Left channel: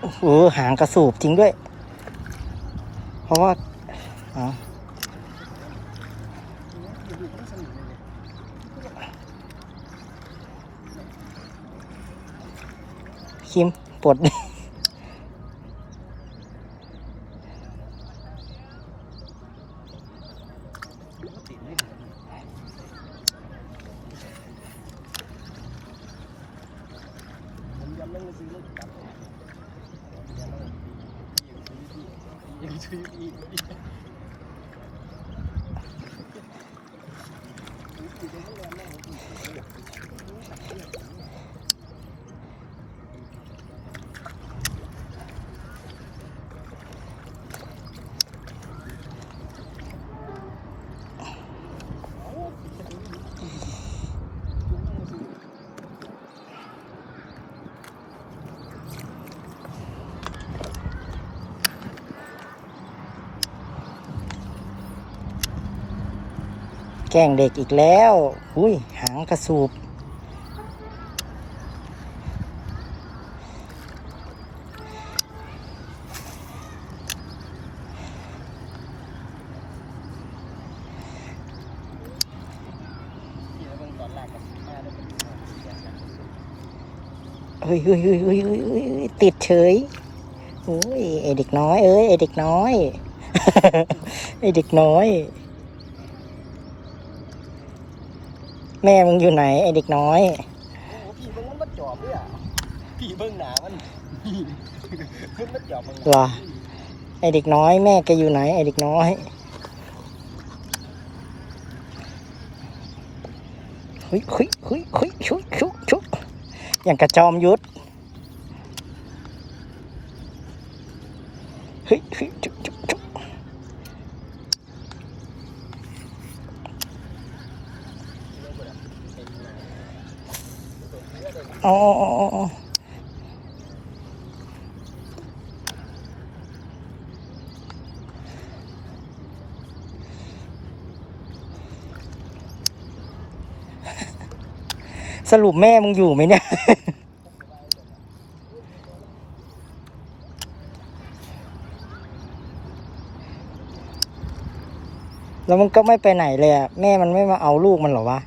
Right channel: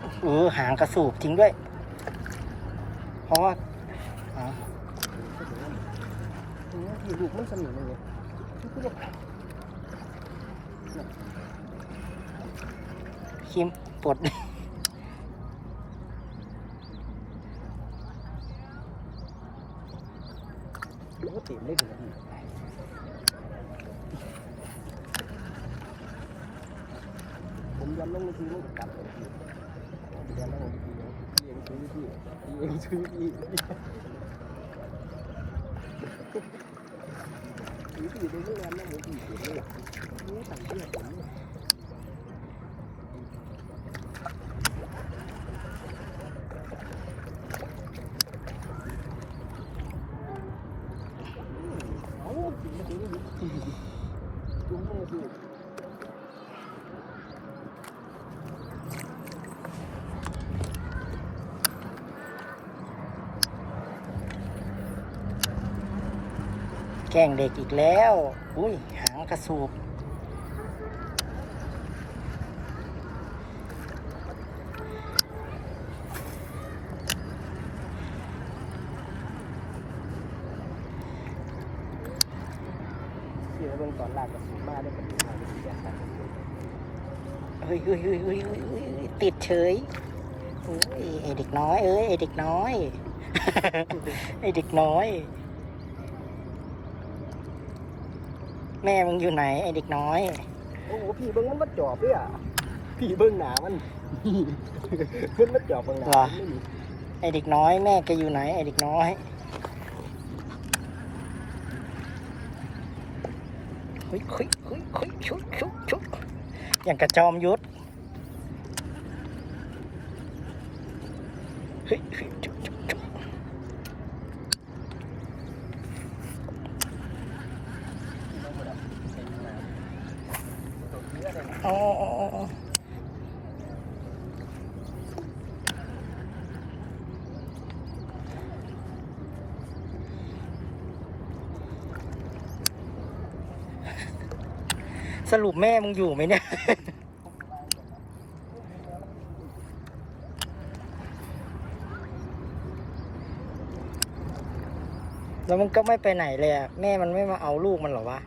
โอ้หางกระสูบจริงด้วย เพราะว่าอ๋อลูกมันสนุกเลยคิมปลด มันก็เต็มเลยผมผมยังไม่ซื้อลูกกลับยัง ไม่ซื้อที่ยังซื้อที่แก ล้งเด็กอีกแล้ว อุ้ย หางกระสูบเราเบิ่งตอนแรกบ้านเฮ้ยเฮ้ยเฮ้ยเฮ้ยเฮ้ยเฮ้ยเฮ้ยติดเฉยโอ้ยไอเด็กน้อย เอ้ยไอเด็กน้อย ไอเด็กน้อย แม่มึงอยู่ไหนไอเด็กน้อย โอ้โหพี่เบิ่งมันมาจอบด้วยอะพี่เบิ่งหนามันพี่มันมาจอบเบิ่งหนาเหรอ ไอเด็กน้อยแม่แกอยู่ไหน ไอเด็กน้อย คุยคุยคุยคุยชุกชุกชุกอย่างกระจอมยุทธเฮ้ยเฮ้ยจุกจุกจุก อ๋อสรุปแม่มึงอยู่ไหมเนี่ย แล้วมันก็ไม่ไปไหนเลยอะแม่มันไม่มาเอาลูกมันหรอวะ